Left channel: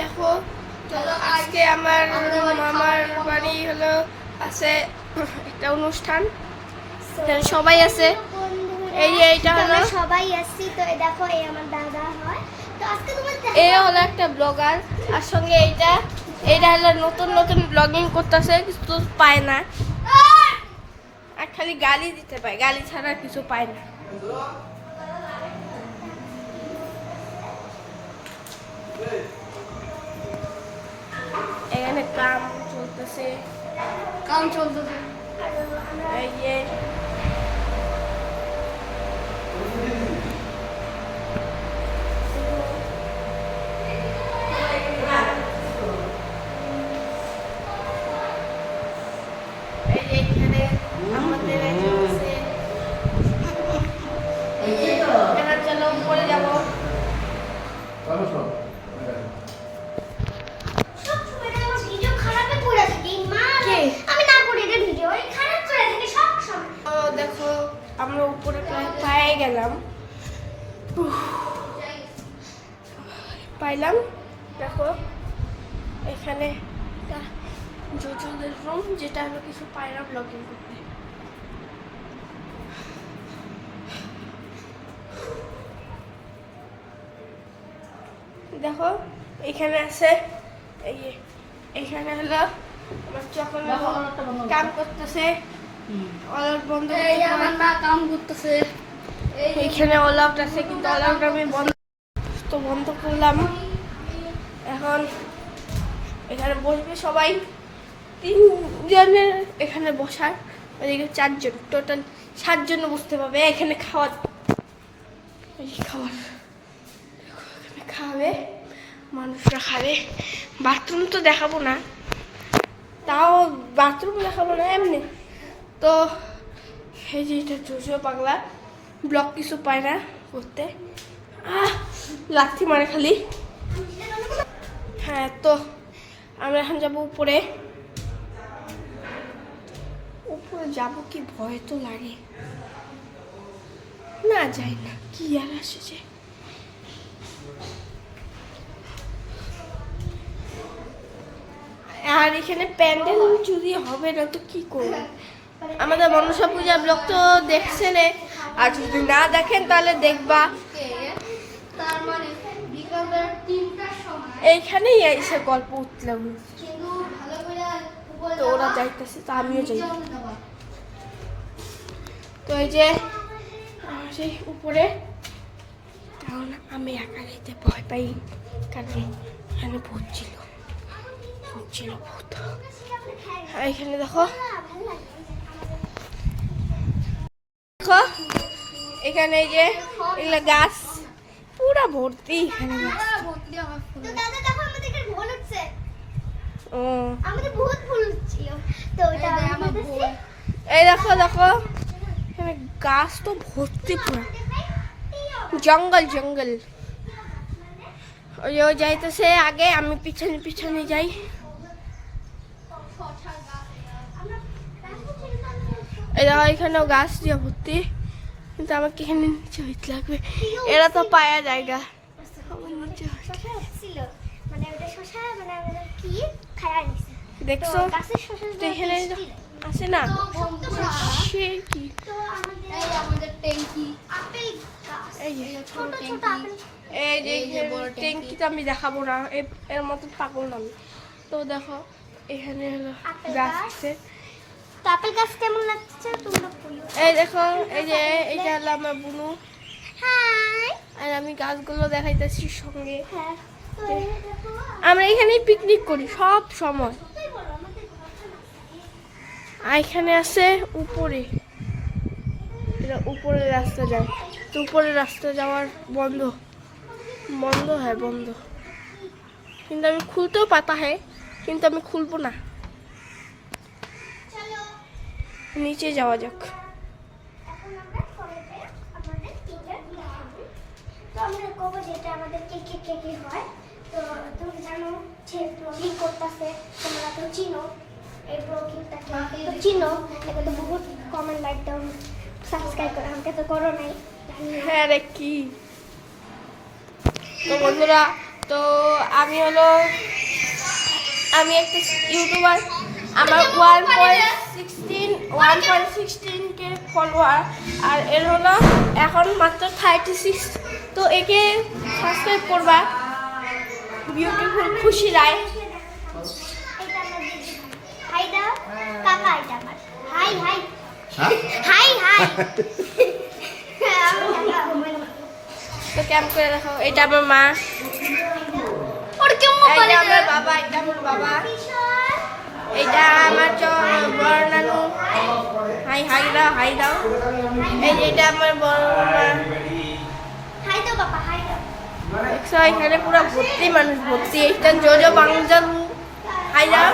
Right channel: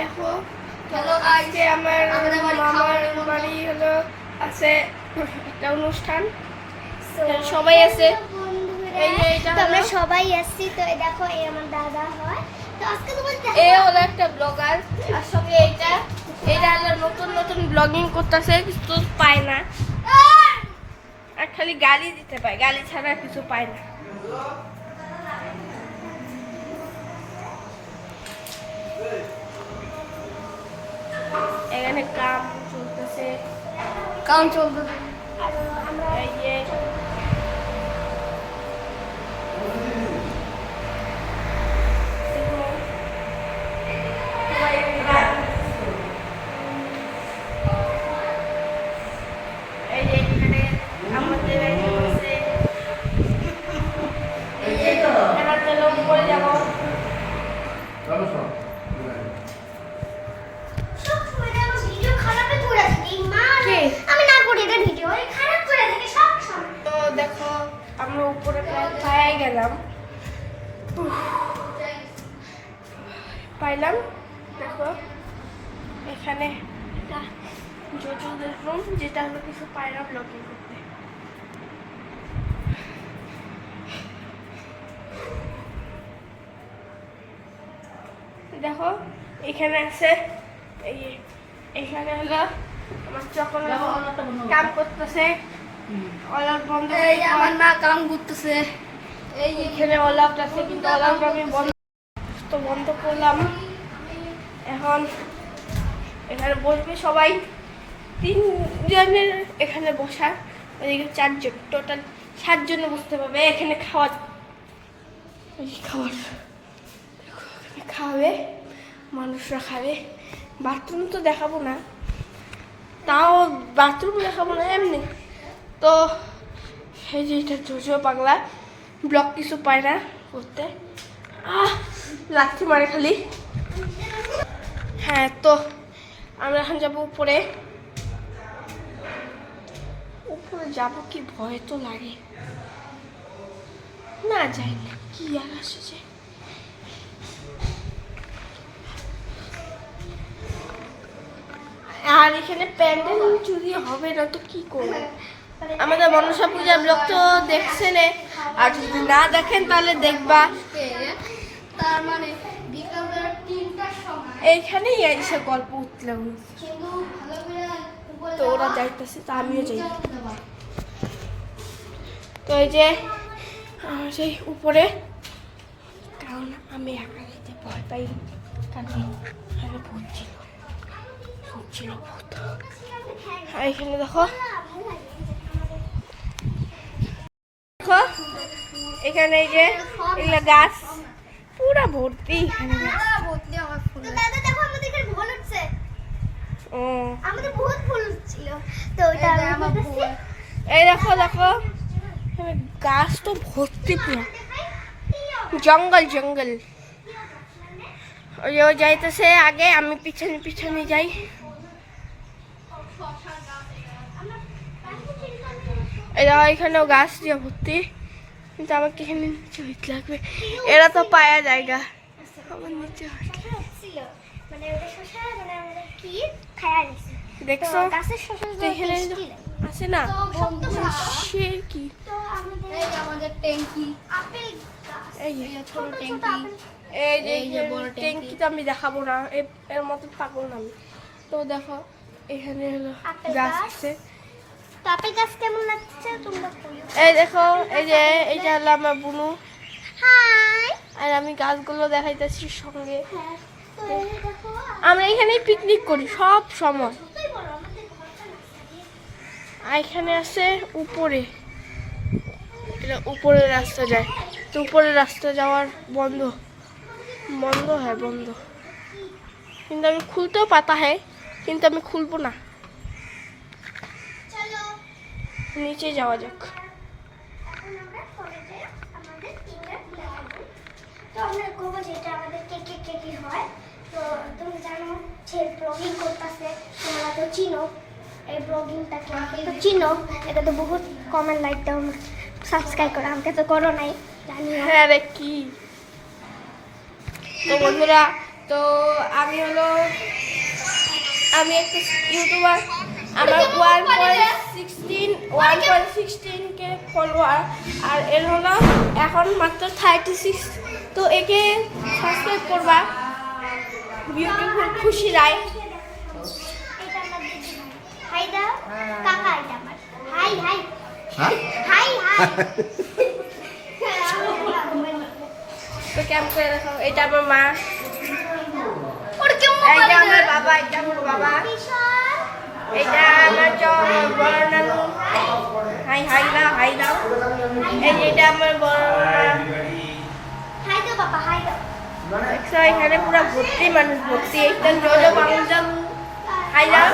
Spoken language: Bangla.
দেখো আজকে আমার মামার বাড়ি হলো আছে একটা অনুষ্ঠান, সবাই আছে। এই যে এটা আমরা সবাই আসছি, তো দেখো এই আমার দাদা হয়। তো আজকে তোমাদের এই হলো একটা ব্লগার, আর সঙ্গে এটা হলো নতুন নতুন ব্লগিং করতেছে, কিছু পায় না, আর খালি গালি দিতে পায়, গালি ছাড়া কিছু পায় না। এখানে কাম চলতেছে এই যে এখানে আমাদের চলো উপরে যাবো। দেখো আমরা উপরে প্রায় গেলাম, পাইলাম। দেখো এখানে জোজোদের রুম, যেটা হলো কিছু পায় না ব্লগিং করতে। দেখো এখানে আছে, এই যে এখানে হলো আমার যখন কাম করতেছে, অলআউট বন্ধ, আমার মা কাম করতেছে। এইখানে অলআউট আছে, কিন্তু অলআউট আমি বন্ধ করলাম। এখন এখানে বসবে সবাই, 3 জনের এখানে বসার, ওইদিকে 4 জন, টোটাল 7 জন বসতে পারবে। এখানে খাওয়াবে, মানুষরা খাবে। বাথরুম তো দেখাবো না, তাও বাথরুম দেখাবো না এমনি তো। এই যে এটা জোজো পাগলা, ব্লগ কিছু পায় না করতে, লাথি মারে খালি। হ্যাঁ, তো আমরা এখন যাবো উপরে যাবো, কি ভয় তো লাগে না, যাই না, কি আর আসছে। আর এখানে প্যান্ডেল যদি হবে না তো কি করবো। আমাদের মনসা পূজা ব্লগ তো দেখছেন, আর যদি না দেখেন তাহলে দেখবা। এইখানেই এসে গল্প উঠলাম, তো ওরা যাইতেছে, তা আমিও যাই। তো এই যে সেই উপরে, কারণ আমি একা যেতে ভয় পাই, কারণ এখানে ভূত ছিল। আর এখানে দেখো এখানে এই যে এগুলা গাছ পুরা ভর্তি, এখানে এই দেখো এখানে গাছ তো ভর্তি, পুরা জঙ্গল। ওই যাইতেছে আগে, আমি পিছনে যাই। এখানেও গাছ দিয়ে ভর্তি, কিন্তু আমার তো এখানে নিচে হইতে লাগবে, এরা তো পায়া জায়গা, আমার নিচে দেখছো এখানে আছে না, সে কি ট্যাঙ্কি তো আমি দেখাবো না, এর মতো পাগল না আমি। তো দেখো এখানে হলো গাছ আছে, এই দেখো এই যে এইটা হলো আমার বুনু, আর আমি গাছগুলো দেখাইতেছি সঙ্গে। আমরা এখানেই পিকনিক করি সব সময়। আর এখানে আছে উপরে, এটা উপরের রাস্তা যায়, তো উপরের রাস্তা যাওয়ার বন্ধ, কিন্তু আমি খুলতেও পাতা হ্যাঁ, কিন্তু আমি খুলবো না। নিচে যাওয়া যাক। তুমি জানো যে ব্লগিং করতেছে, তোমরা তো চিনো এই ব্লগিংটাকে, তো চিনো, এটা তো বহুত কমেন্ট লাইক দাও, সাবস্ক্রাইব করো, আমাকে তো করো নাই। হ্যাঁ রে, কি তো বন্ধুরা তো আমি একটা ইউটিউবার, আমার 1.16K ফলোয়ার, আর এর হলো এখন মাত্র 36। তো একে সাবস্ক্রাইব করবা, বিউটিফুল খুশি রায়। হাই দাও কাকা, এটা আমার হাই হাই হ্যাঁ হাই হাই। তো ক্যাম্প করে রাখো। এটা আমার মা, ওর কেমন এটা আমার বাবা, এটা আমার বাবা, এটা আমার বড় নানু। হাই দাও। এই যে এটা আমার বড় নানু। হাই দাও বাবা, হাই দাও। এখানে পুরো ভর্তি মানুষ, ভর্তি। একটা জোরে বাংলা হাই দাও।